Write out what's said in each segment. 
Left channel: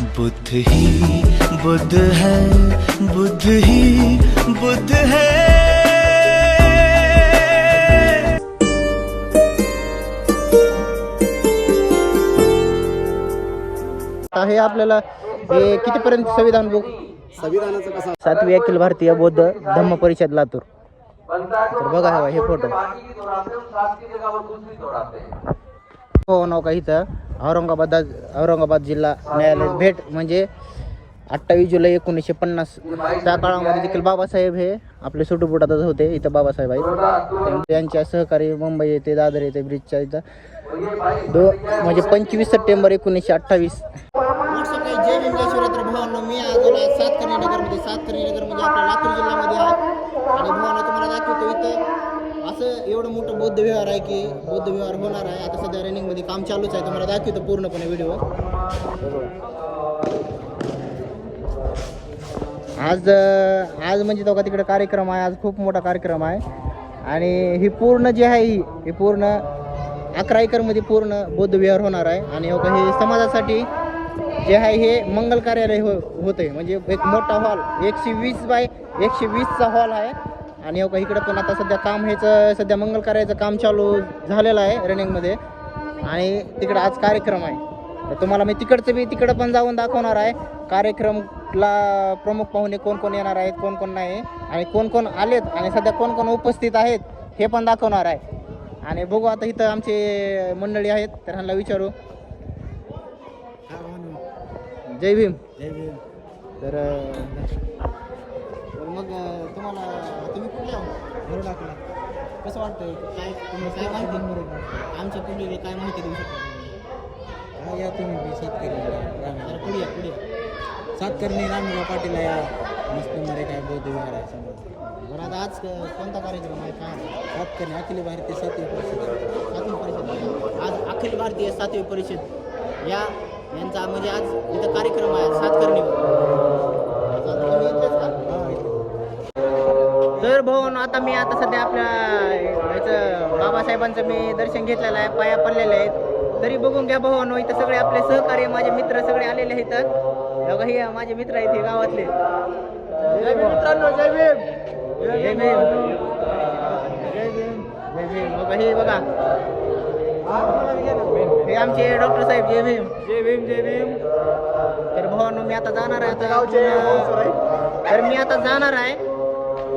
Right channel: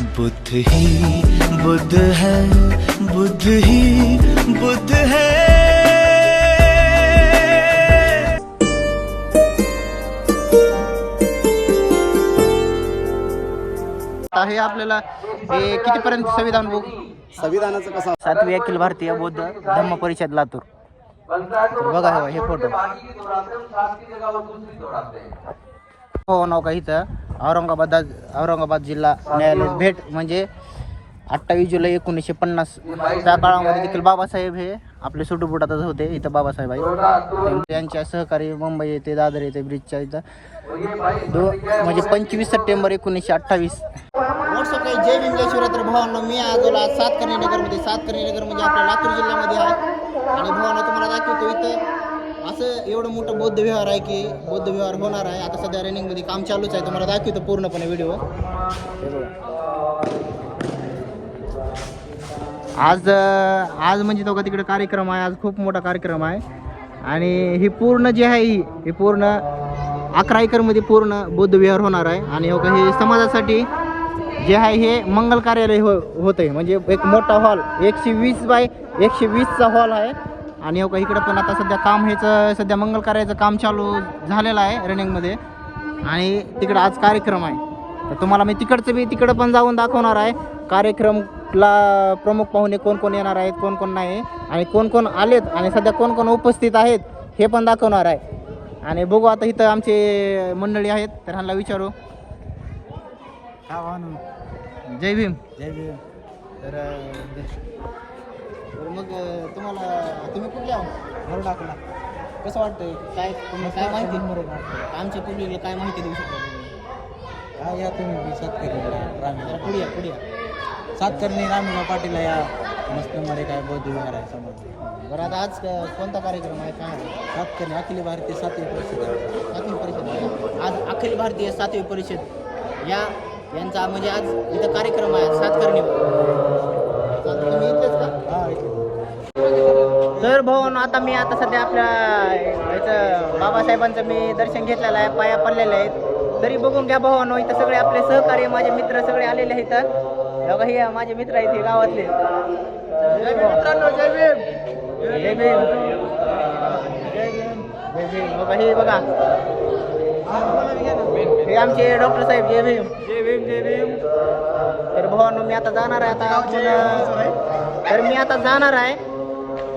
बुद्ध ही बुद्ध है बुद्ध ही बुद्ध है। हे आपल्याला हे कितीपर्यंत संविधान बुक? संविधानाचं कसं? सातवी अखिल भारतीय बौद्ध धम्म परिषद लातूर. तर बघा हे बघा, हे फोटो हो नाव का इथं? औरंगाबाद औरंगाबाद जिल्हा न्यायालय भेट म्हणजे अठ्ठावीस जुलै एकोणीसशे पन्नास त्या काळामध्ये देखील बाबासाहेब हे आपले सुटुपुटातच होते इथं बाबासाहेब आहेत. त्यांच्या सहकारी मुंबई येथे दादर येथे ब्रिजच्या इथं. दो म्हणजे पंचवीस सप्टेंबर एकोणीसशे अठ्ठावीस. काही जय भीम जय भावांना मी आज सात सातकर्णी नगरमध्ये सातकर्णी नगर म्हणजे आपल्या लातूर जिल्ह्यामध्ये आहे. आणि भावांना तुम्हाला दाखवतो इथं. असं एवढं मोठं बौद्ध विहार आहे की बौद्ध विहार होणार आहे. आता सध्या रनिंगमध्ये काम चालूच आहे. तुम्हाला दाखवतो पूर्णपणे व्हिडिओ आज आज म्हणजे तो का तिकडे कार्यक्रम आहे. आज खूप मोठा कार्यक्रम आहे. आणि ही पूर्ण जी आहे ही ही पूर्ण अकरा एकरमध्ये पूर्ण बौद्ध विहार होणार आहे. आणि हो का हे समाजासाठी जे आहे हे मंगल कार्यालय हो होतं म्हणजे एक मोठा हॉल एकशे वीस बाय एकशे वीसचा हॉल आहे. आणि हो का इकडे पण आता सध्या काम ह्याचं सध्या मंगल कार्याचं काम चालू झालेलं आहे रनिंगमध्ये आणि तिकडे आज कार्यक्रम आहे. तर तुम्हाला मी तिकडचं बी तिकडं पण जाऊन दाखवणार आहे. कार्यक्रमला प्रमुख पाहुणे कोण कोण येणार आहेत कोण कोण नाही. आणि कोण कोण आलेत आणि सध्या कोण कोण उपस्थित आहेत हे पण दाखवणार आहे. आणि बघू आता इथं आमचे मंडळी आहेत तर ह्यांना विचारू. जय भीम. जय भीम. तर तर मग तुम्हाला तुम्ही कुठले आहो भरू टाकला कसं वाटतंय? काय तुम्ही काय माहिती? आमच्या पिढीला काय माहिती देऊ शकता तुम्ही? हा या तुम्ही बी सातकर्णी जरा राम पुढे या पुढे या. सातकर्णी रामराव पाटील या. मुस्लिममध्ये काय बौद्ध विहार आहे समाज. बरं आता आज कोणता कार्यक्रम आहे? काय आहे? सातकर्णी अखिल भारतीय सातवी परिषद. सातवी परिषद. आज अखिल भारतीय सातवी परिषद. या यांचा म्हणजे आज इथं कार्यक्रम आहे सातकर्णी. तुम्ही तर भाऊन आता मी आता सध्या आपल्या याचं बाबासाहेबांचं मी दर्शन घेतलेलं आहे पाया पडलेले आहेत. तरी बघून घ्या भावानो इथं सगळे आपले सहकार्य माझे मित्र सगळे आलेले आहेत बघा हे माझे मित्र आहेत हे गावातले. मित्रांनो जय भीम. जय भीम. जय भीम. जय भीम. बघा हे बघा. हे आमचे डॉक्टर साहेब जय भीम. जय भीम जय भीम. तर भावानो मी आता जाणार आहे आता तर मी आता जाणार आहे.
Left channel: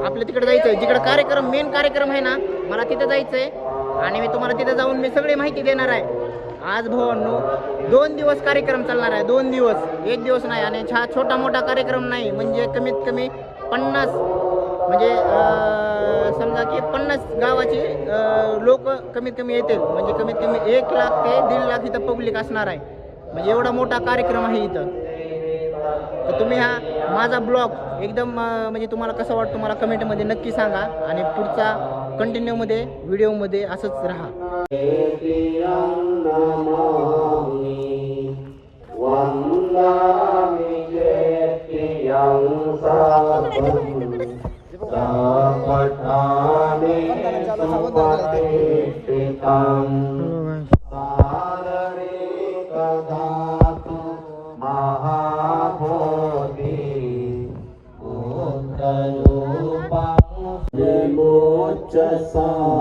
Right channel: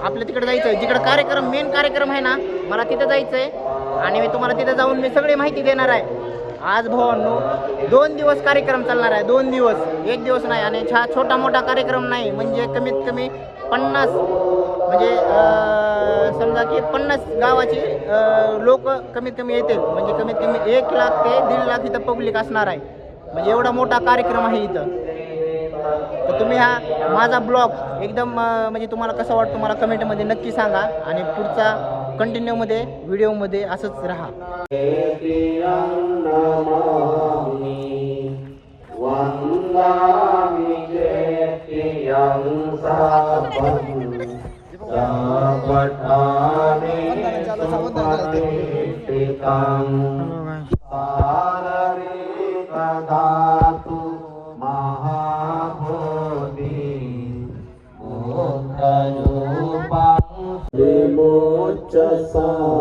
आपल्या तिकडे जायचं जिकडे कार्यक्रम मेन कार्यक्रम आहे ना मला तिथं जायचं आहे आणि मी तुम्हाला तिथं जाऊन मी सगळी माहिती देणार आहे. आज भावांनो दोन दिवस कार्यक्रम चालणार आहे. दोन दिवस. एक दिवस नाही आणि छा छोटा मोठा कार्यक्रम नाही. म्हणजे कमीत कमी पन्नास म्हणजे समजा की पन्नास गावाची लोक कमीत कमी येतील. म्हणजे कमीत कमी एक लाख ते दीड लाख इथं पब्लिक असणार आहे. म्हणजे एवढा मोठा कार्यक्रम आहे इथं. तर तुम्ही हा माझा ब्लॉग एकदम म्हणजे तुम्हाला कसं वाटतं मला कमेंटमध्ये नक्की सांगा आणि पुढचा कंटिन्यूमध्ये व्हिडिओमध्ये असंच राहा. just.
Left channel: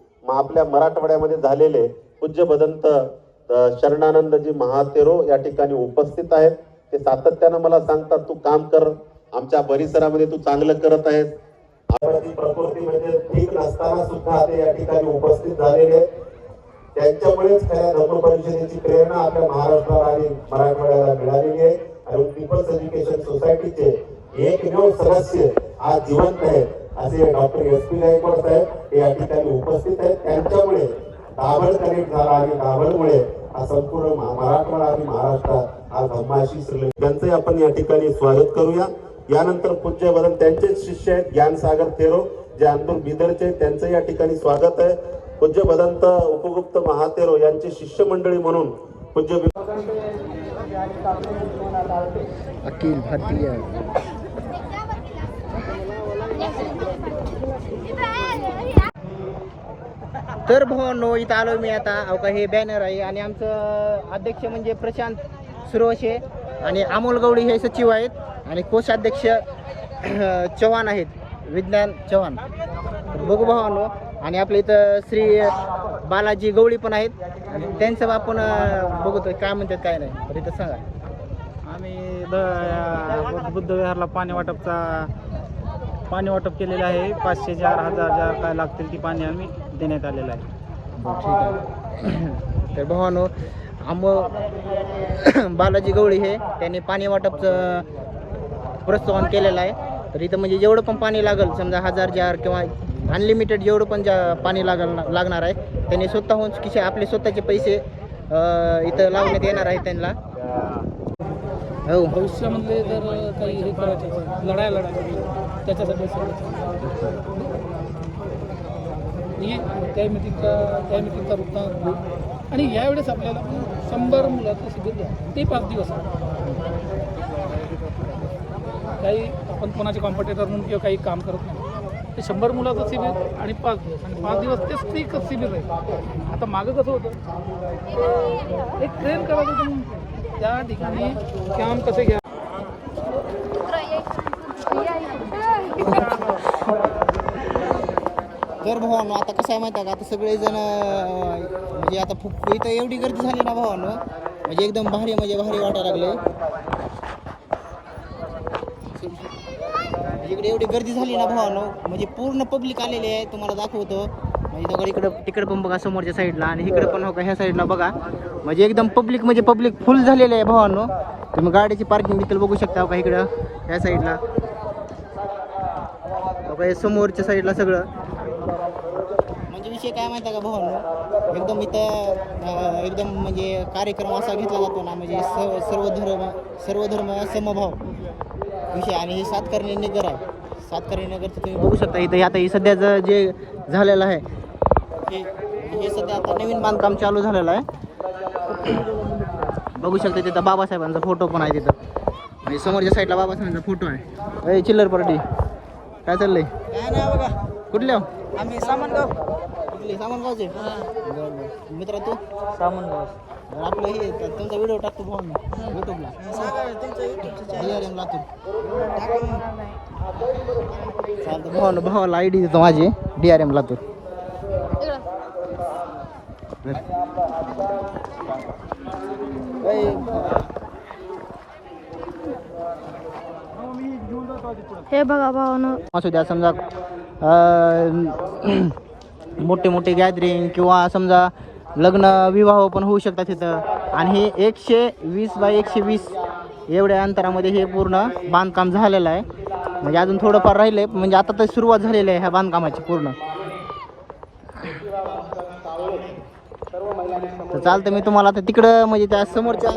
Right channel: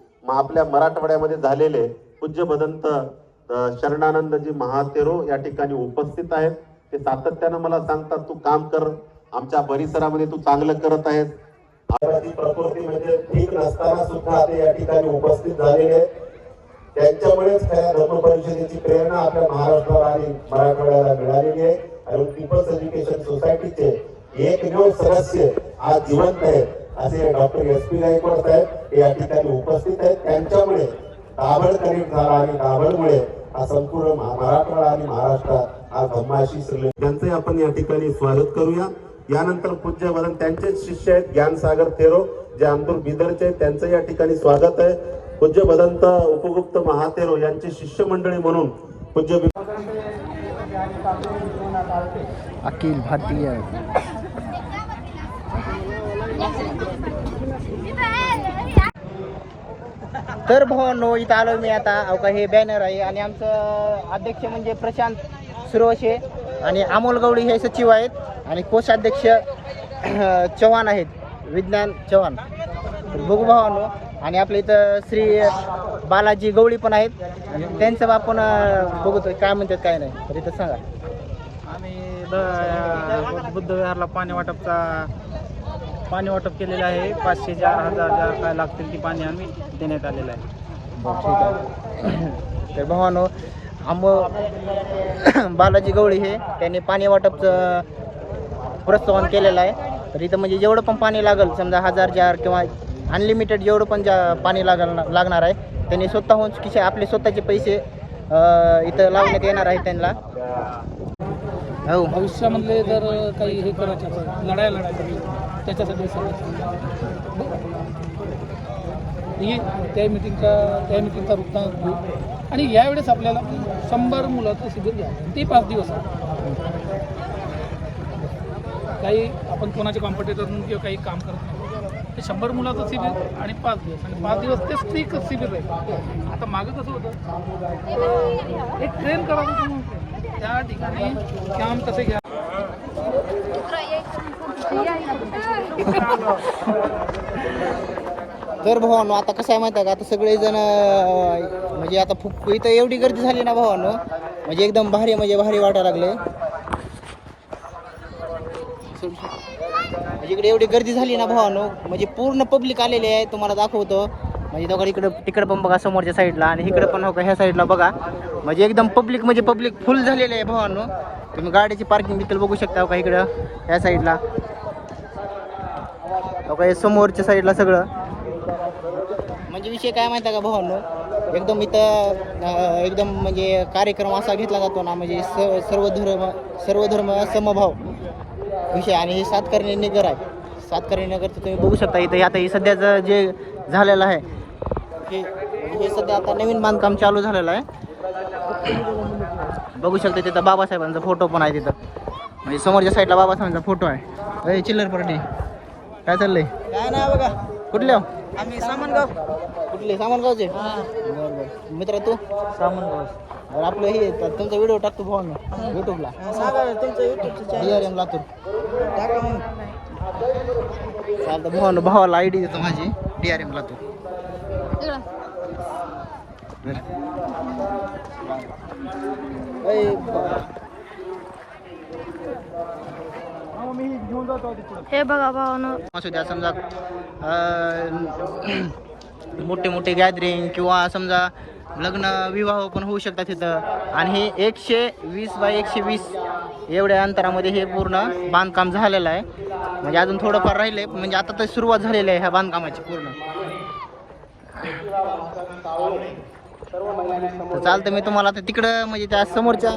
आपल्या मराठवाड्यामध्ये झालेले पूज्य भदंत शरणानंदजी महातेरो या ठिकाणी उपस्थित आहेत. ते सातत्यानं मला सांगतात तू काम कर आमच्या परिसरामध्ये तू चांगलं करत आहेस. प्रकृती म्हणजे ठीक नसताना सुद्धा ते या ठिकाणी उपस्थित झालेले त्यांच्यामुळेच खऱ्या धर्म परिषदेची प्रेरणा आपल्या महाराष्ट्राला आणि मराठवाड्याला मिळालेली आहे. आणि पीपल्स एज्युकेशन सोसायटीचे एकमेव सदस्य आज जिवंत आहेत. असे डॉक्टर एस पी गायकवाड साहेब या ठिकाणी उपस्थित आहेत. त्यांच्यामुळे दाभड कनेक्ट झाला आणि दाभडमुळे हा संपूर्ण महाराष्ट्र मराठवाडा आणि महाराष्ट्रात आज धम्माशी श्रीले त्यांचंही आपण या ठिकाणी स्वागत करूया. यानंतर पूज्य वदन त्यांचेच शिष्य आहेत. ज्ञानसागर थेरो जे आमदूर बिदरचे आहेत त्यांचं या ठिकाणी स्वागत आहे. पूज्य भदंत उपगुप्त महातेरो यांचे शिष्यमंडळी म्हणून पूज्य अखिल भारतीय तर भावांनो इथं आलो मी आता. अहो का हे बॅनर आहे. आणि आमचं अध्यक्ष म्हणजे प्रशांत सुरवशे आणि अमोल गवळी हे सचिव आहेत. आणि कोषाध्यक्ष चव्हाण आहेत. विज्ञान चव्हाण. तर बघू भावांनो. आणि आपल्या इथं श्री बालाजी गवळी पण आहेत. आणि त्यांचं आपण बघतो काय म्हणतात काय नाही. तर इथं सांगा. आम्ही द बुद्ध विहारला पाणी वाटपचा पाणी वाटप केलेलं आहे. पाचशे चार हजार जार काय लागतील ती पाणी आम्ही देण्यात आलेलं आहे. तर भावानो आंब बालाजी गवळी हे त्यांनी पाणी वाटपचं प्रोत्साहन केलेलं आहे. तर इथं म्हणजे जेवढं पण पाणी लागेल समजा हजार जार किंवा अनलिमिटेड जेवढं पण जा पाणी लागल लागणार आहे त्यांनी स्वतःहून खिशे आपले स्वतःचे पैसे इथं लावण्यात येणार आहे त्यांना. हो. भविष्यामधले जर काही हे करायचे लढाया लढायच्या त्याच्यासाठी ही त्या मिटिंगचा त्या मिटिंगचा वृत्तांत घेऊ. आणि यावेळेस आपल्याला शंभर मुलाचं शिबिर द्या ते पाच दिवस काही आपण कोणाचे कॉम्पिटेटर म्हणून किंवा काही काम करत नाही. ते शंभर मुलाचं शिबिर आणि पाच दिवस. पाच दिवस तेच स्त्रीकच शिबिर आहे. आता मागं कसं होतं? एक ट्रेन करायचं म्हणून. त्या ठिकाणी कॅम्प कसे घ्या तर भावानो आता कसं आहे माहिती आहे का? आता सगळेजण म्हणजे आता फुक इथं एवढी गर्दी झाली ना भावानो म्हणजे एकदम भारी म्हणजे भारी वाटायला लागले. म्हणजे इकडे एवढी गर्दी झाली ना भावानो म्हणजे पूर्ण पब्लिक आलेली आहे तुम्हाला दाखवतो. म्हणजे दोघं इकडे तिकडे पण बघा समोरच्या साईडला आणि इकडे पण हो का ह्या साईडला बघा. म्हणजे एकदम पब्लिक म्हणजे पब्लिक फुल झालेलं आहे भावानो. तुम्ही गाडीची पार्किंग देखील बघू शकता हो का इकडं ह्या साईडला. हो समोरच्या साईडला सगळं. म्हणजे विषय काय माहिती आहे का भावांनो? एकदम इथं एकदम म्हणजे कार्यक्रम असा घेतला जातो ना म्हणजे स सर्व धर्म सर्व धर्म समभाव विषय. आणि हे सातकर्णी नगर आहे. सातकर्णी नगर तुम्ही बघू शकता इथं. आता हे सध्याचं जे झालेलं आहे हे हे सध्या आता नवीन बांधकाम चालू झालेलं आहे. बघू शकता तिथं बाबासाहेबांचा फोटो पण आहे तिथं. म्हणजे समोरच्या साईडला बाबासाहेबांचा फोटो आहे. अय चिल्लर पार्टी. काय चाललंय? काय नाही बघा. कुठल्या आम्ही सामान कुठले सामानगावचे. बरं बरं मित्र तू? बरं आपलं हे त- तुमचा व्हिडिओ टाकतो भाऊ युट्यूबला डी आर एम लातूर. चालतं भाऊ भावाला आय डी देतो माझी डी आर एम लातूर. ए, बा- हे बघा भावानं. असू द्या समजा अं, मोठे मोठे गॅदरिंग किंवा समजा लग्न विवाह पण होऊ शकतात तिथं. आणि हे एकशे वीस बाय एकशे वीस एवढ्या अंतरामध्ये हे पूर्ण बांधकाम झालेलं आहे. म्हणजे अजून थोडंफार राहिले म्हणजे आता तर सुरुवात झालेली आहे ह्या बांधकामाची पूर्ण. तर चालतं मी तुम्हाला आता तिकडं म्हणजे त्या समोरच्या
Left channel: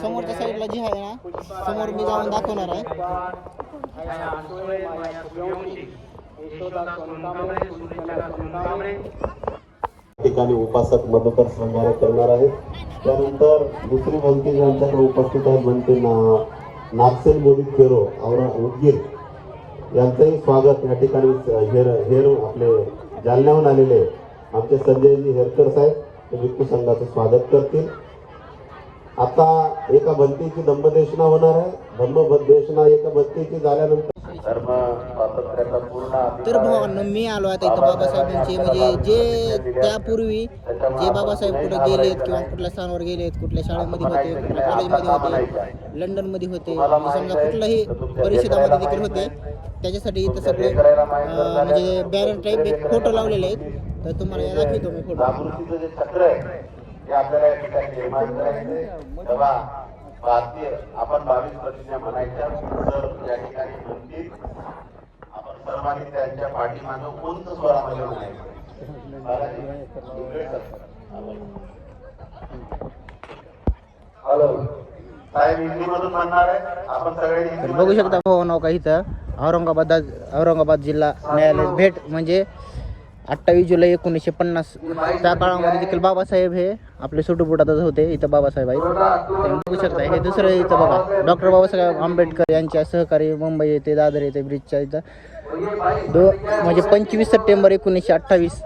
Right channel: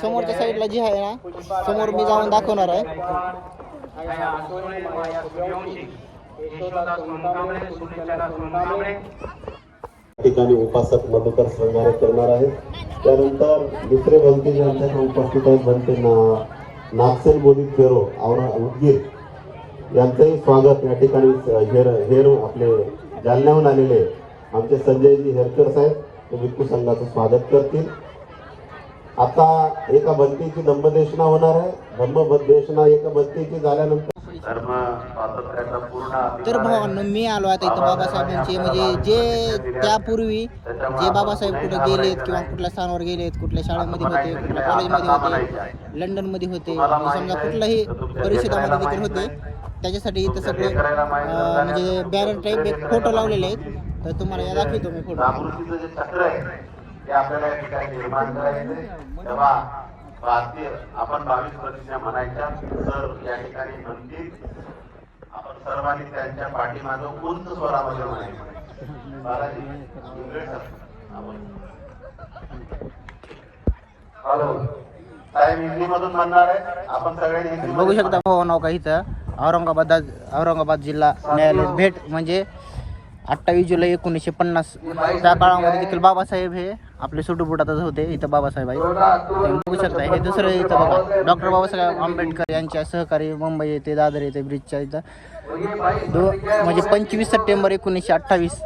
समोरच्या साईडला जी आहे ना समोर मी जाऊन दाखवणार आहे. ठिकाणी उपासक मधुकर श्रृंगारे करणार आहेत. त्यानंतर दुसरे भलती आमच्याकडे उपस्थित आहेत. म्हणते नागसेन मोदी केरो औरा उदगीर यांचंही स्वागत या ठिकाणी हेर हेर आपले जालन्याहून आलेले आमचे संजयजी हेरकर साहेब ते भिक्खू संघाचं स्वागत करतील. आता एका भक्तीची धम्मदेशना होणार आहे. धम्मदेशना एका भक्तीची झाल्यानंतर तर भावांनो मी आलो आता इथं बाबासाहेबांचे. म्हणजे जे त्यापूर्वी जे बाबासाहेब कुठे गेलेत किंवा कुठल्या स्थानावर गेलेत कुठल्या शाळेमध्ये होते कुठल्या कॉलेजमध्ये होते लंडनमध्ये होते म्हणजे समजा कुठल्याही परिषदामध्ये देखील होते त्याच्यासाठी इथं सगळे म्हणजे बॅनर टाईप एक फोटो लावलेले आहेत. तर तुम्हाला या दाखवतो मी फोटो जागृतीचं भारतीय आपण बावीस प्रतिज्ञा म्हणायच्या तर या ठिकाणी म्हणतील आपण सर्वांनी त्यांच्या पाठीमागं उंच स्वरामध्ये म्हणायचं. बालाजी, इंग्रज सर. हॅलो. म्हणणार आहे? आपण सगळ्यांनी बघू शकता भाऊ नाव काही तर औरंगाबाद औरंगाबाद जिल्हा न्यायालय भेट म्हणजे अठ्ठावीस जुलै एकोणीसशे पन्नास. त्या काळामध्ये देखील बाबासाहेब हे आपले सुटुपुटातच होते इथं बाबासाहेब आहेत. तुम्ही बघू शकता हे दुसरं इथं बघा. डॉक्टर बाबासाहेब आंबेडकर यांच्या सहकारी मुंबई येथे दादर येथे ब्रिजच्या इथं. दो म्हणजे पंचवीस सप्टेंबर एकोणीसशे अठ्ठावीस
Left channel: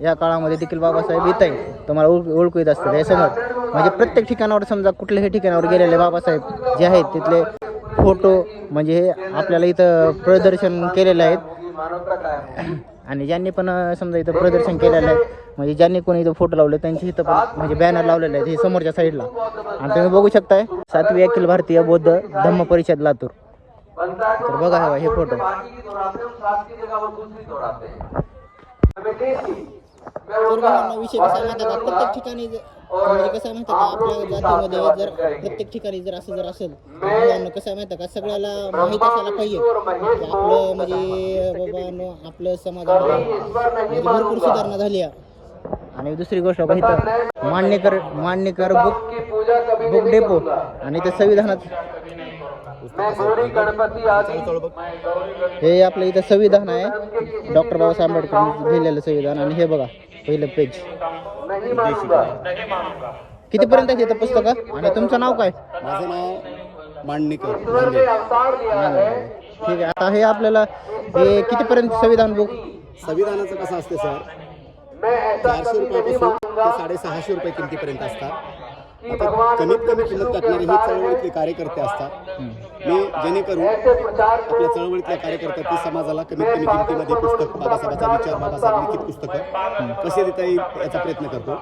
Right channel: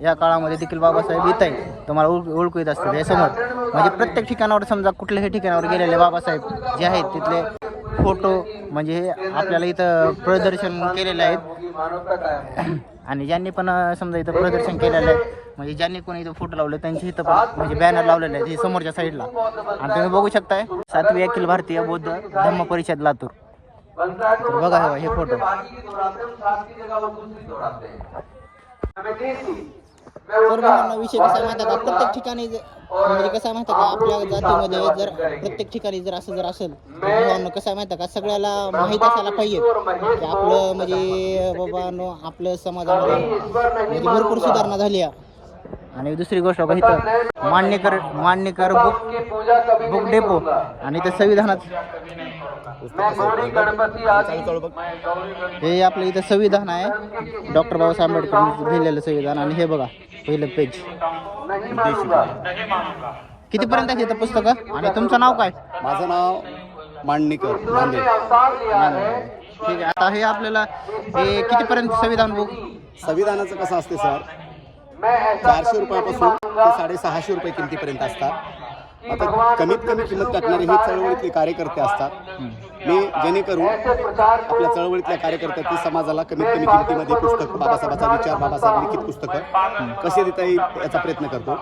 या काळामध्ये देखील बाबासाहेब येत आहे तुम्हाला ओळख ओळखू येत असतात हे समोर. म्हणजे प्रत्येक ठिकाणावर समजा कुठल्याही ठिकाणावर गेलेले बाबासाहेब जे आहेत तिथले फोटो म्हणजे हे आपल्याला इथं प्रदर्शन केलेले आहेत. आणि ज्यांनी पण समजा इथं प्रदर्शन केलेलं आहे म्हणजे ज्यांनी कोणी इथं फोटो लावले त्यांची इथं पण म्हणजे बॅनर लावलेले आहेत हे समोरच्या साईडला आणि तुम्ही बघू शकताय सातवी अखिल भारतीय बौद्ध धम्म परिषद लातूर. तर बघा हे बघा, हे फोटो सर्वांना विषय कसा आहे माहिती का? प्रत्येक ठिकाणी म्हणजे कसं आहे माहिती का? आपल्या जातीमध्ये जर प्रत्येक ठिकाणी जर असं जर असेल तर कसं आहे माहिती का? सगळ्याला माहीत असायला पाहिजे. की आपलं म्हणजे बाबांनो आपलं समाजामध्ये म्हणजे भरपूर सुधारणा झाली आहे. आणि दुसरी गोष्ट बघा इथं Manyakar Manyakar book book depot आणि ते संविधानात हे आपलं इथं संविधान आहे. डॉक्टर बाबासाहेब आंबेडकर लिहिलेलं संविधान आणि हे बघा पहिलं पेज कितीपर्यंत आहे इथं पुस्तकं? आणि तुमचं नाव काय? माझं नाव मांडणीकर. ठीक आहे आता हे आपल्याला हे कितीपर्यंत संविधान बुक संविधानाचं कसं असते सर? चारशे रुपयापासून ते साडेसहाशे रुपये किमतीपर्यंत असतात. आता कमीत कमी किंमत टाकणारे हे चळवळीतले कार्यकर्ते असतात. मी जेणेकरून आपल्या चळवळीतल्या कार्यकर्त्यातील समाजाला कमीत कमी किमतीमध्ये पुस्तक बाबासाहेबाचा विचार बाबासाहेब लिखित पुस्तकं कसे देता येईल याचा प्रयत्न करतो.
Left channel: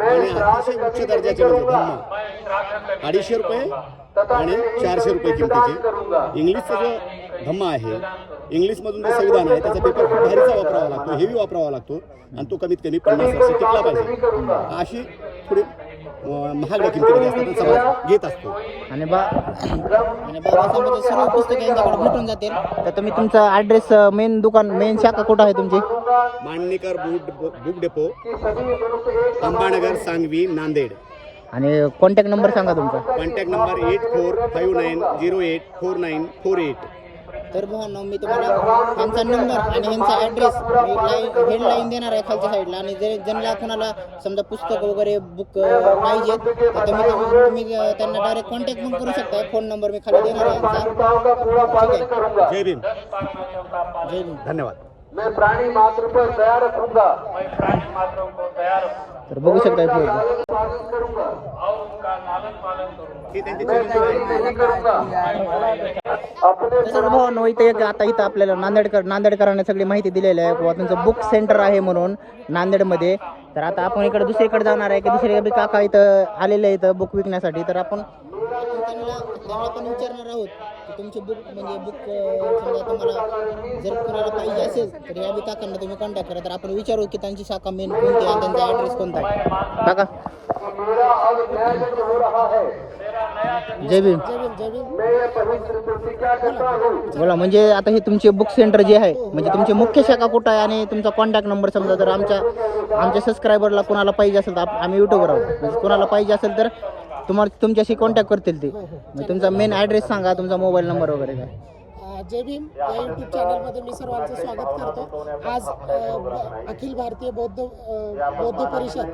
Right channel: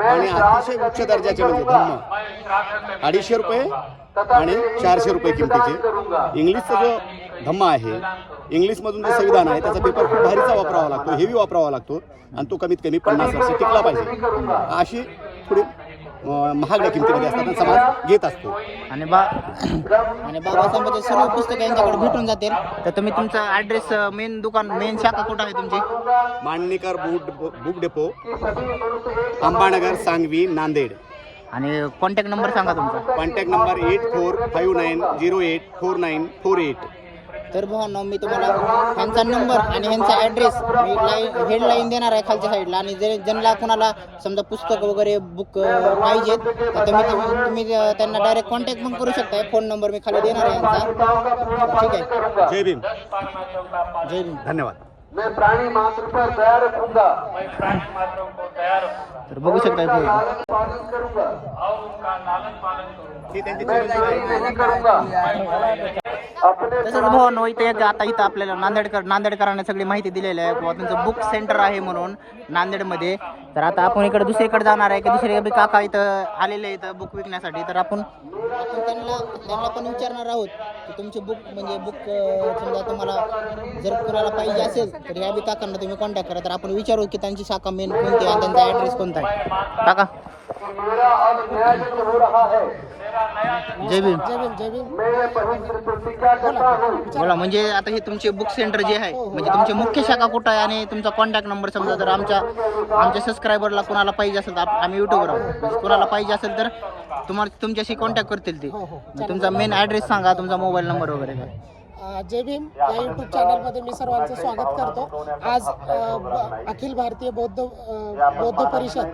आणि अतिशय उच्च दर्जाचे म्हणजे धम्म. अडीचशे रुपये आणि चारशे रुपये किमतीचे. इंग्लिशचा जो धम्म आहे इंग्लिशमधून जे संविधान आहे त्याचा पेपर खूप भारीचा वापरावा लागतो हेवी वापरावा लागतो आणि तो कमीत कमी पन्नास वर्ष टिकला पाहिजे. अशी थोडी महागड्या किमतीमध्ये असतात समाज घेत असतो. आणि बा आणि बाबासाहेबांचे सर्व पुस्तकं यांच्याकडे भेटून जातील. तर तुम्ही तुमचा ॲड्रेस मेन दुकान मेन शाखा कुठं आहे तुमची? Mandanikar book book depot Ambanagar Sangvi Nanded. आणि कॉन्टॅक्ट नंबर सांगा तुमचा. Contact number eight four five nine zero eight four nine four eight तर भावांनो मी तुम्हाला ह्यांचा नंबर आणि ह्यांचा ॲड्रेस मी लाईन हेडलाईन देणार आहे खालच्या साईडला आणि जर ज्यांना कुणाला समजा पुस्तक वगैरे बुक पाहिजेत तर तुम्ही तुम्ही त्यांना डायरेक्ट कॉन्टॅक्ट पण करू शकता फोन नंबर मी खाली देणार आहे यांचा. ठीक आहे. जय भीम. जय भीम. धन्यवाद. तर बघू शकता फोन ही त्यांची चिरंजीव आहे तसंच इथं एक आता इथं आपल्याला नांदेडकर नांदेडकरांना सगळी माहिती दिलेली आहे. किंवा त्यांचं बुक सेंटर आहे म्हणून नांदेडमध्ये. तर आता आपण इकडे दुसरीकडे जाणार आहे की दुसरे बी काका इथं आलेले आहेत बुक विकण्यासाठी तर आपण आपण त्यांना त्यांना पण विचारणार आहोत की तुमचे बुक म्हणजे बुक समजा तुम्हाला जर कोणाला पाहिजे असेल तर या बी काकांना तुम्ही कॉन्टॅक्ट करा तर आपण विचारू की त्यांची शाखा मेन कोणती आहे त्यांचा ॲड्रेस कोणता आहे काका जय भीम. बोला. म्हणजे आता हे तुमचे बुक सेंटर जे आहे म्हणजे तुमचे मुख्य शाखा कुठं आहे आणि तुमचा कॉन्टॅक्ट नंबर समजा जर आमच्या आमच्या सबस्क्रायबरला कोणाला पाहिजे असेल तर आप- आम्ही युट्यूबवर आहोत. म्हणजे कोणाला पाहिजे असेल तर तुम्हाला तुमच्याशी कॉन्टॅक्ट करतील ते. म्हणजे तुमचा मेन ॲड्रेस सांगा तुमचा मोबाईल नंबर वगैरे काय. जय भीम. या यूट्यूब चॅनलमध्ये मी सर्वांचं स्वागत करतो. आज अखिल भारतीय बौद्ध बौद्ध परिषद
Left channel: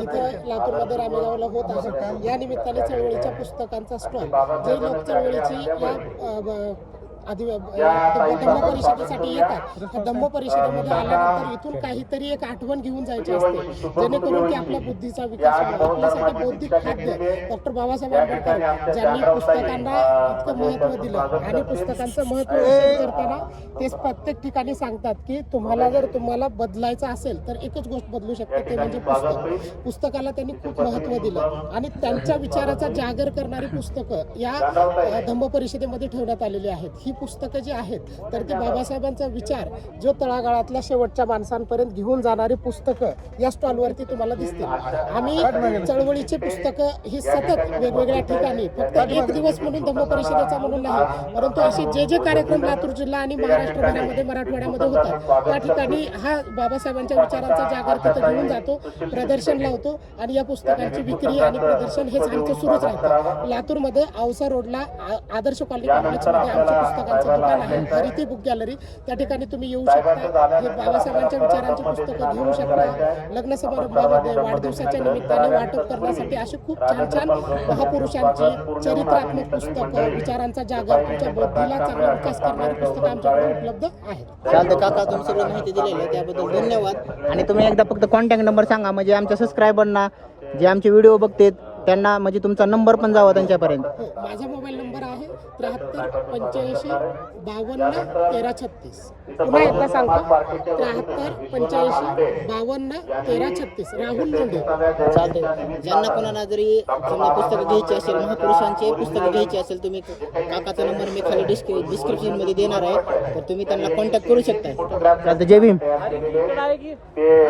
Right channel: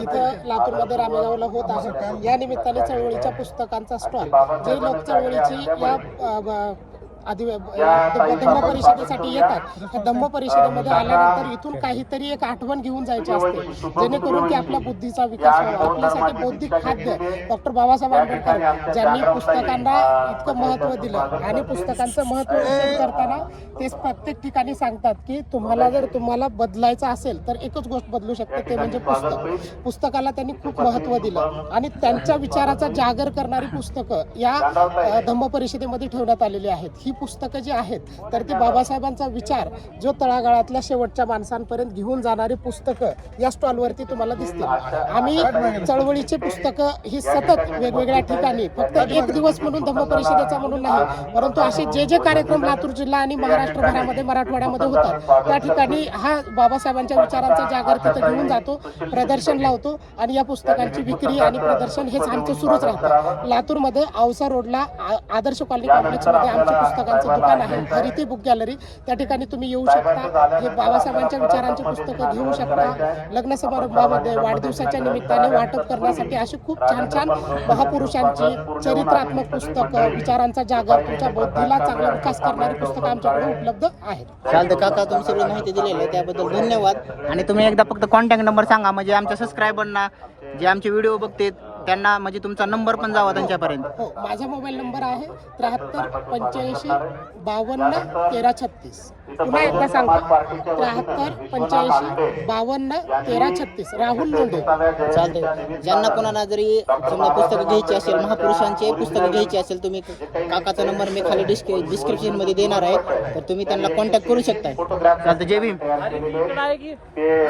इथं लातूरमध्ये रामेगावला होत आहे. या निमित्ताने चळवळीच्या पुस्तकांचा स्टॉल जे लोक चळवळीची या अ, ब- आधी धम्म परिषदेसाठी येतात. धम्म परिषदेमध्ये आल्यानंतर इथून काहीतरी एक आठवण घेऊन जायची असते. जेणेकरून की आपल्या बुद्धीचा विकास व्हावा. आपल्यासाठी बौद्धिक खाद्य डॉक्टर बाबासाहेब आंबेडकर ज्यांनी पुस्तकांना इतकं महत्त्व दिलं आणि पुस्तकांचं महत्त्व विचार करताना ते प्रत्येक ठिकाणी सांगतात की तुम्हाला जर तुम्हाला बदलायचं असेल तर एकच गोष्ट बदलू शकते ते म्हणजे पुस्तक. पुस्तकाला त्यांनी खूप महत्त्व दिलं. आणि त्यांच्या विचाराचा जागर करणारी पुस्तकं या धम्म परिषदेमध्ये ठेवण्यात आलेली आहेत. ही पुस्तकं जी आहेत तर ती बाबासाहेबांचा विचार जो तळागाळातल्या शेवटच्या माणसांपर्यंत घेऊन जाणारी पुस्तकं या स्टॉलवरती तुम्हाला दिसतील. आम्ही चळवळीची पुस्तकं ही सतत वेगवेगळ्या ठिकाणी फक्त एक दिवस म्हणून धम्म परिषदेचा म्हणून नाही परंतु असे जे जे कार्यक्रम लातूर जिल्हा आणि महाराष्ट्रभरामध्ये मराठवाड्यामध्ये होतात त्या ठिकाणी हा बाबासाहेबांच्या विचारांचा जागर तिथे घेऊन जातो प्रदर्शन लावतो आणि या पुस्तकांची विक्री आणि प्रदर्शन हेच आमचं सुरूच राहतं. लातूरमध्ये औसा रोडला आदर्श कॉलनी कॉम्प्लेक्समध्ये आमच्या पुस्तकांचं दुकान आहे. Hariti book gallery. त्या ठिकाणी तुम्ही येऊ शकता. हे बाबासाहेबांच्या विचारांची पुस्तकं घेऊ शकता. लग्न समारंभामध्ये वाढदिवसाच्या निमित्ताने वाटप करण्यासाठी अशी खूप छान छान महापुरुषांची चरित्रात्मक पुस्तकं विचारांचा जागर तुमच्या बुद्धीला चांगला विकास करणारी पुस्तकं आमच्याकडे उपलब्ध आहेत. चालतं काका तुम्ही सगळी माहिती दिलेली आहे त्याबद्दल धन्यवाद. आणि तुम्ही एकदा फक्त कॉन्टॅक्ट नंबर सांगा म्हणजे आमच्या सबस्क्रायबरना जे आमचे व्हिडिओ बघतात त्यांना म्हणजे तुमचा नंबर पण जावा त्यांच्यापर्यंत. हो माझा मोबाईल नंबर आहे त्र्याहत्तर पंच्याऐंशी बावन्न तेरा छत्तीस. पुन्हा एकदा सांगतो त्र्याहत्तर पंच्याऐंशी बावन्न तेरा छत्तीस. राहुल लोंढे. चालतंय. ज्यांना कोणाला जरी समजा पुस्तकं घ्यायची असेल महापुरुषांचे पुस्तकं घ्यायची असेल तुम्ही काकाचा नंबर मी खाली डिस्क्रि डिस्क्रिप्शनमध्ये देणार आहे तर तुम्ही त्यांना कॉन्टॅक्ट करू शकता चालतं जय भीम. ते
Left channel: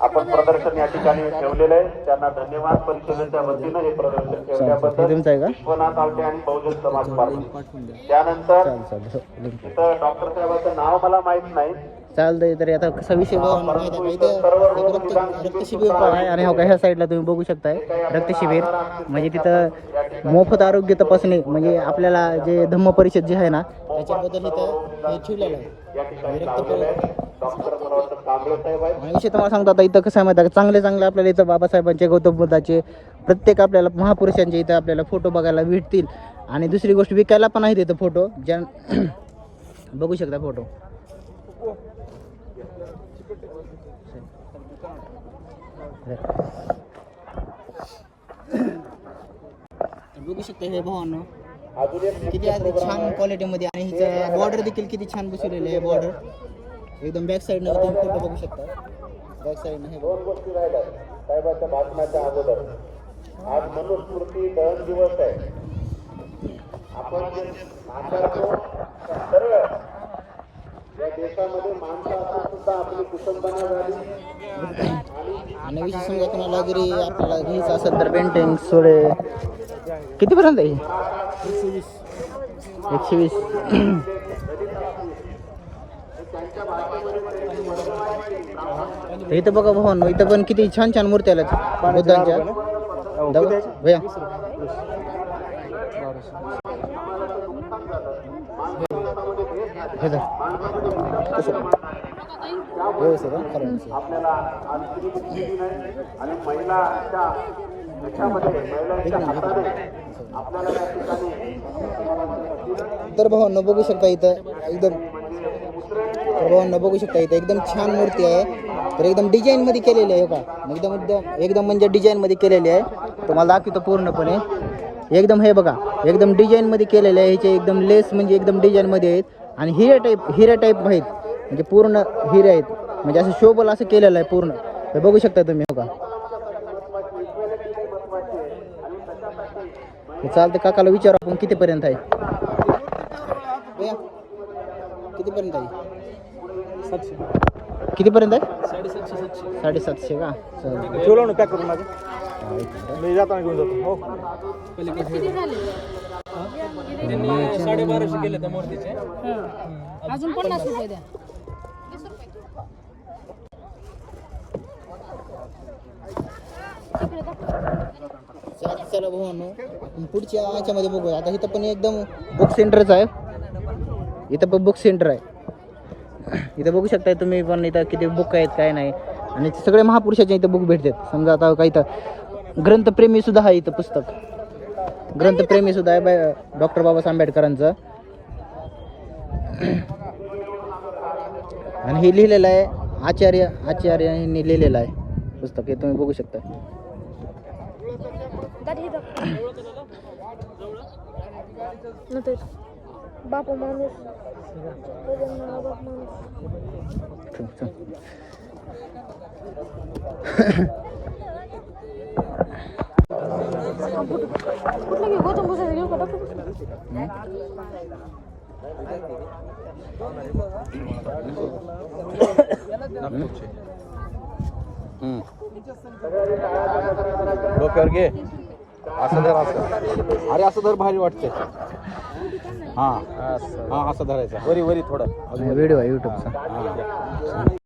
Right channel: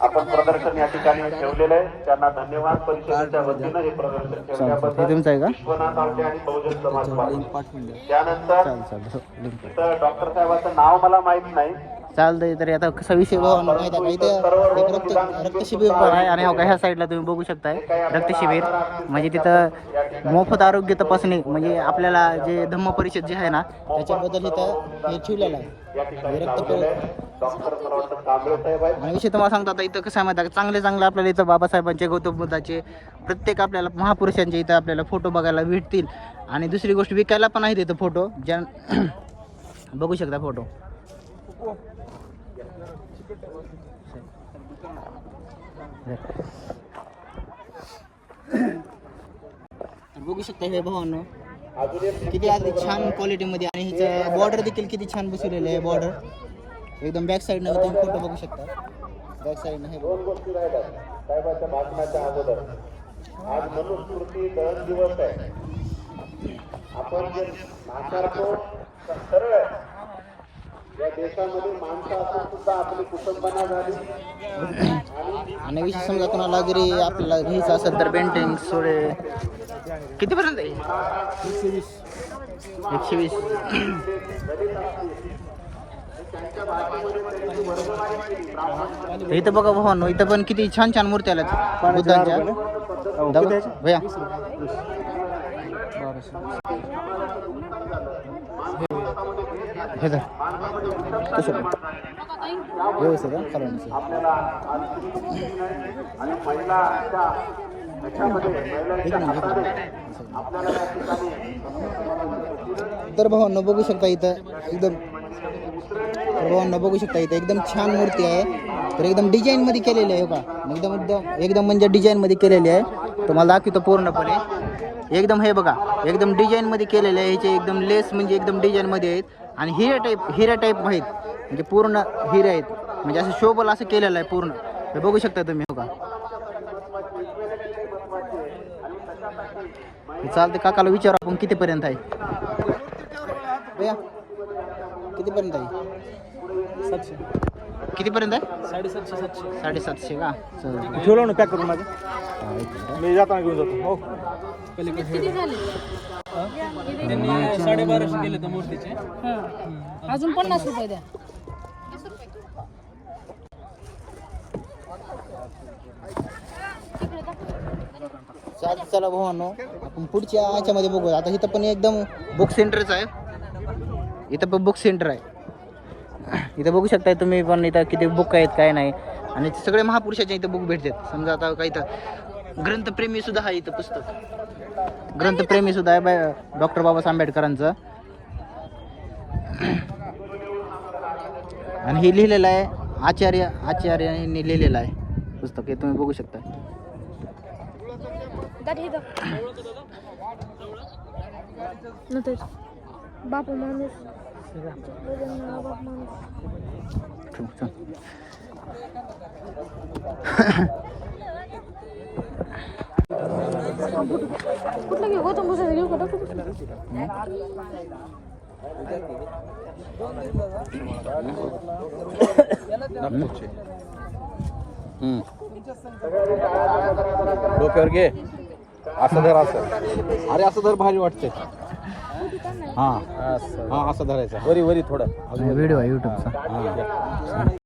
आपण प्रदर्शन या ठिकाणी ठेवलेले आहे. त्यांना धन्यवाद. परिषदेच्या वतीनं हे प्रदर्शन ठेवल्याबद्दल हे तुमचं आहे का? विश्वनाथ आणि बहुजन समाज पार्टी. त्यानंतर डॉक्टर साहेबाचं नाव मला माहीत नाही. चालतंय तरी आता कसा विषय आणि हो का ह्या साईडला तुम्ही बघू शकताय? रक्त शिबिर म्हणजे तिथं मोफत आरोग्य तपासणी म्हणजे आपल्याला जे धम्म परिषद जे आहे ना त्याच्याबद्दल इथं हे ठेवलेलं आहे. विषय तुम्हाला सांगतो आता इथं कसं आहे माहिती आहे का? चांगले चांगले आपल्याला इथं बाबासाहेबांचे गौतम बुद्धाचे प्रत्येक आपल्याला महापुरुषांचे इथं आपल्याला फोटो बघायला भेटतील. आणि दुसरी गोष्ट विकायला पण आहेत इथं फोटो ज्या बघू शकता फोटो बघू शकता हे भावांनो. किती आधी छान क्वालिटीमध्ये आणि हिचं बॉर्डर देखील किती छान बसवलेलं आहे बॉर्डर एकदम बॅक साईडनं तुम्ही फोटो बघू शकता. बॅक साईडनं हे बघा. साहेबाच्या भाषणाच्या अगोदर. आज मनुस्मृती दहन दिवस आहे. आपण जे नाकारतो त्या सर्व या देशामध्ये माणसं असून सुद्धा आपली कुटुंबना झाली. आणि विषय समजा कोणाला जरी आपल्याला घ्यायचं असेल तर बेंटिंग सोडे कितीपर्यंत आहे एकशे वीस. इथं बघा भावांनो इथं पण किती छान छान मूर्ती आल्यात बुद्धांच्या. भैया. हे? व्यवस्थित तर भावांना बघू शकता इथं एकदम तर भावांना बघू शकता इथं एकदम छान मूर्ती आहे. तर एकदम डिझाईन मध्ये केलेली आहे हो का? एकदम एकदम एकदम म्हणजे डिझाईन मध्ये केलेली आहे. तुम्हाला दाखवतो पूर्णपणे. एकदम हे बघा एकदम डिझाईन मध्ये केलेले आहे. ह्याचे एकदम लेस म्हणजे एकदम डिझाईन मध्ये आहेत. आणि हिरे टाईप हिरे टाईप आहेत. म्हणजे पूर्ण हिरे आहेत. म्हणजे असं शोबल असं केलेलं आहे पूर्ण. हे बघू शकता तुम्ही हो का? चालतं काकाला विचारू आपण कितीपर्यंत आहे? भैया, कितीपर्यंत आहे? कितीपर्यंत आहे? साडेसातशे का? चालेल अजून पन्नास रुपये द्या. चालतं चला भावांनो. आपण पुढच्या याच्यामध्ये बघू आता इथं पण एकदम बुक सेंटरच आहे. इथं पण बुक सेंटर आहे. इथं बघू शकताय तुम्ही पण इथं किती बुक आहेत काय नाही. आणि सगळे महापुरुषाच्या इथं बुक भेटतात. समजा आता काय इथं ग्रंथप्रेमी सुद्धा आहे इथं पुस्तक. ग्रंथप्रेमी सुद्धा आहे बाय डॉक्टर बाबासाहेब आंबेडकरांचं. आणि हे लिहिलेलं आहे आचार्य आचार्य यांनी लिहिलेलं आहे पुस्तक. हे तुम्ही बघू शकता बापा माणूस बदलणारा बाप माणूस ठेव, चल. कुठलं मी गौतम असं धर असं अरे असं धर भारी वाटते हा. असं धरायचं. वरी वरी थोडं. नाही, व्हिडिओ आहे यूट्यूबचा